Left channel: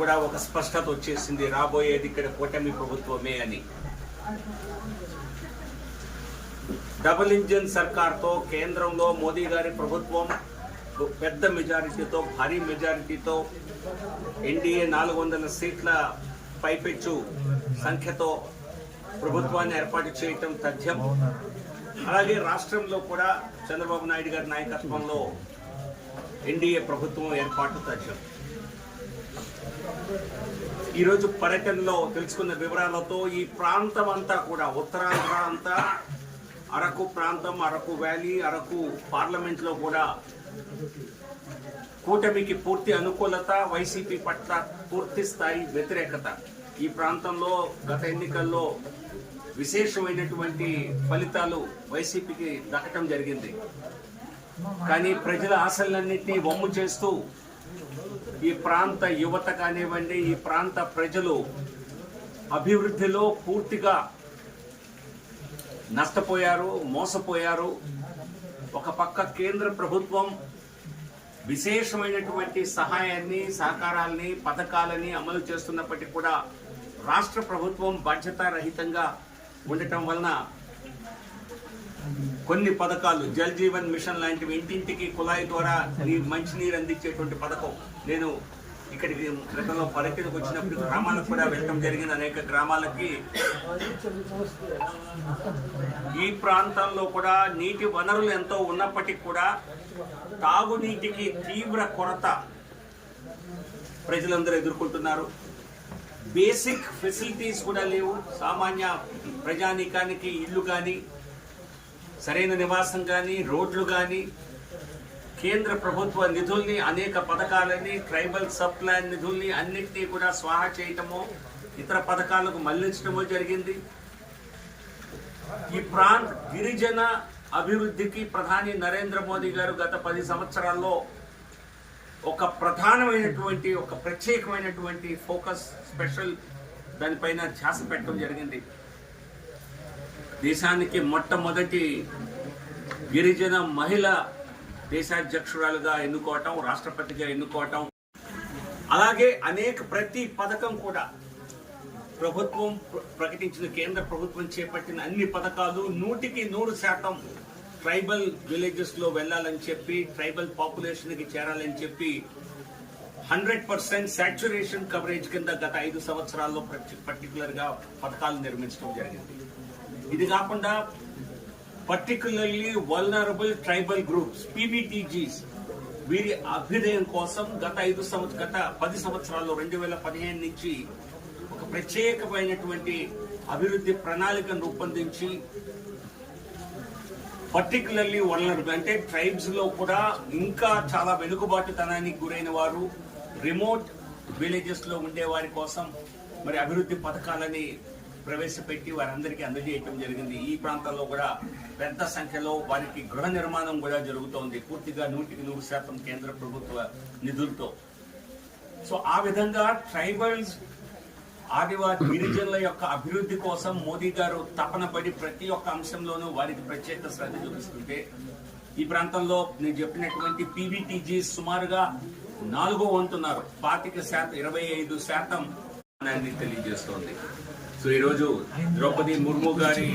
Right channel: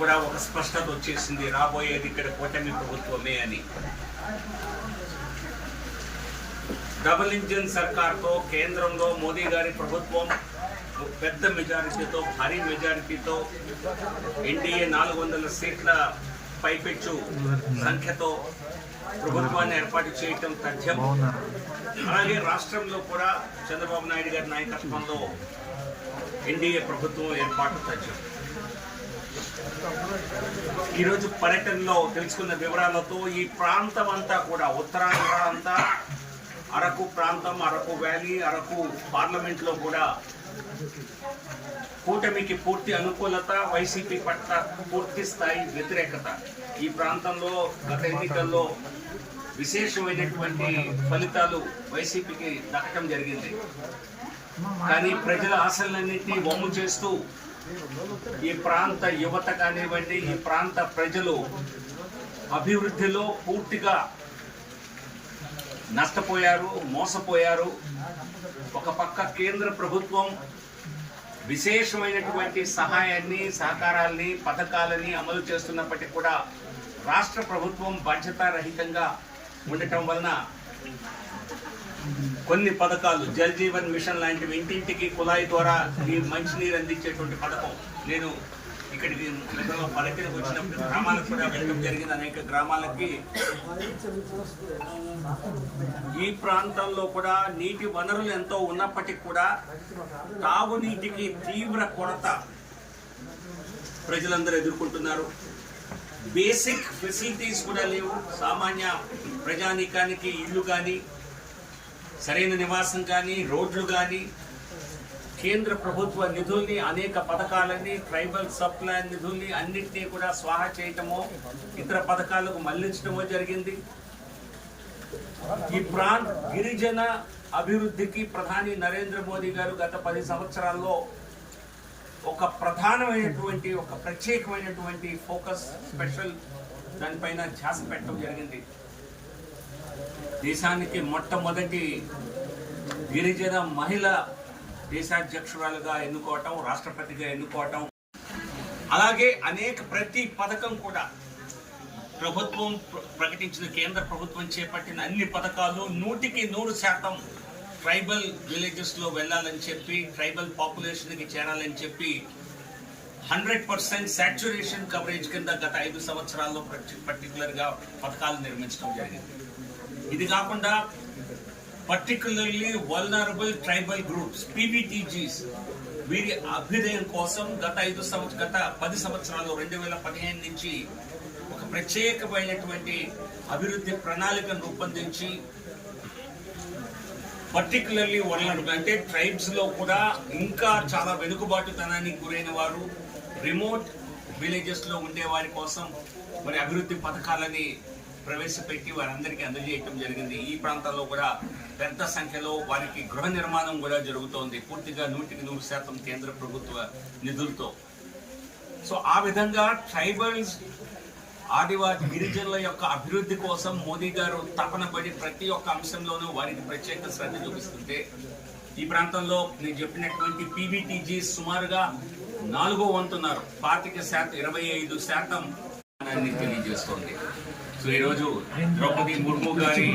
కూడా ఒక స్పష్టత వచ్చేసింది, రాబోయేది ఇక్కడ కూటమి ప్రభుత్వమే అని. డబుల్ ఇంజిన్ సర్కార్తో కేంద్రంలో మోదీ గారి ప్రభుత్వం పెద్ద మెజారిటీతో, భారీ మెజారిటీతో ఎన్డీఏ 400 సీట్ల పైపెచ్చు సంఖ్యతో ప్రభుత్వాన్ని ఏర్పాటు చేయటం తథ్యం. అలాగే రాష్ట్రంలో కూడా చంద్రబాబు నాయుడు గారి నాయకత్వంలో ఎన్డీఏ ప్రభుత్వం ఏర్పాటు తథ్యం. ఈరోజు పర్యటనలో తెలుసుకున్న వివరాలతో ఈ ప్రాంతం అంతా కూడా, ఉత్తరాంధ్ర అంతా, అరకు ప్రాంతం, అరకు వ్యాలీ, అరకు పార్లమెంట్లో కూడా కూటమికి పూర్తి అనుకూలత, వైసీపీ పట్ల పూర్తి స్థాయి వ్యతిరేకత. ఈ ప్రాంతంలో గత ఎన్నికల్లో విశేషమైనటువంటి ఫలితాలు వైసీపీకి దక్కడం జరిగింది. కానీ ప్రజల ఆశలన్నింటినీ వమ్ము చేస్తూ ఈ ప్రాంత యువత కానివ్వండి, ఈ ప్రాంత ప్రజలు అభివృద్ధిలో పూర్తిగా నష్టపోయారు, మోసపోయారు. ఒక పక్క కేంద్ర ప్రభుత్వం విశేషమైనటువంటి సహాయాన్ని, సహకారాల్ని, పథకాలని అమలు చేస్తున్నప్పటికీ కూడా రాష్ట్ర ప్రభుత్వం బాధ్యతారహితంగా ఉండటం వలన కొన్ని పథకాలు, జల్ జీవన్ మిషన్ లాంటివి, ఇంటింటికి కుళాయి ద్వారా ఈ మంచినీరు అందించేటువంటి పథకం, నేను ఇక్కడికి గతంలో పర్యటనకు వచ్చినప్పుడు గ్రామాలకు కూడా వెళ్ళడం జరిగింది. అనేక గ్రామాలకి ఈ ప్రాంతాల్లో కూడా నీటి వనరులు ఎంతో ఉన్నప్పటికీ కూడా తాగునీటికి తీవ్ర కొరత ప్రజలందరూ ఎదుర్కొంటున్నారు. బేసిక్ ఫెసిలిటీస్ కూడా లేవు. సామాన్య ప్రజానీకానికి ఇళ్ళు కానీ, సరైన నివాసం కానీ, రోడ్లు కానీ, కేంద్ర ప్రభుత్వ నిధుల్ని, అనేక పథకాలని, ట్రైబల్ సబ్ ప్లాన్ నిధుల్ని అన్నింటినీ కూడా స్వాహా చేయటమో, ఇతర పథకాలకు మళ్లించడమో జరిగింది. ఈ గిరిజన అభివృద్ధికి ప్రధాని నరేంద్ర మోదీ గారు గత 10 సంవత్సరాల్లో ఒక ప్రధానమైనటువంటి, ఒక ప్రత్యేకమైనటువంటి ఫోకస్, స్పెషల్ దానిపైన ధ్యాస పెట్టడం జరిగింది. దేశానికి మొట్టమొదటి గిరిజన మహిళ దేశాధ్యక్షురాలుగా ఎన్నుకోవటం, రాష్ట్రపతిగా ఎన్నుకోవటం, అలాగే ప్రతి పథకం కూడా ప్రభుత్వం ప్రకటించిన, కేంద్ర ప్రభుత్వం చేపట్టిన అన్ని పథకాలు 100% ట్రైబల్ విలేజెస్ లో వెళ్లాలని చెప్పి, ట్రైబల్ పాపులేషన్ కి చేరాలని చెప్పి 100% సాచ్యురేషన్ కవరేజ్ కింద గత 5 సంవత్సరాల్లో పర్టికులర్ గా పథకాలు నిర్మించడం జరిగింది. ఇది కాకుండా పర్టికులర్లీ వల్నరబుల్ ట్రైబల్ గ్రూప్స్, పీబీటీజీస్, వీరి అభ్యుదయం కోసం గత 10 సంవత్సరాలు 2015 నుంచి ఒక ప్రత్యేకమైనటువంటి అభివృద్ధి ప్రణాళికను రూపొందించి, పర్టికులర్లీ వల్నరబుల్ అంటే ట్రైబ్స్ లో కూడా ఇంకా చాలా వెనుకబాటుతనానికి గురైన వారు, రిమోట్ విలేజెస్ లో ఉండే వారి కోసం మరి అభివృద్ధి పథకాలని ప్రవేశపెట్టి వారందరికీ అందజేయటం జరిగింది. ఈ ప్రాంతాల్లో కూడా పెద్ద సంఖ్యలో వారికి గృహ నిర్మాణం కూడా జరుగుతోంది, పూర్తిగా 100% కేంద్ర ప్రభుత్వ నిధులతో. సో ఆ విధంగా ట్రైబల్స్, ఆదివాసీ గిరిజనుల యొక్క అభివృద్ధి కోసం మోదీ గారు తపన పడి ప్రతి ఒక్క అంశంలోనూ వారికి ప్రత్యేక శ్రద్ధ చూపిస్తుంటే, ఈ ప్రాంతంలో నేను చెప్పినటువంటి పీబీటీజీ సుమారుగా 4వ వంతున్నారు, 25% తెలియజేస్తోంది. సో ఈరోజు ద్రౌపది ముర్ము గారి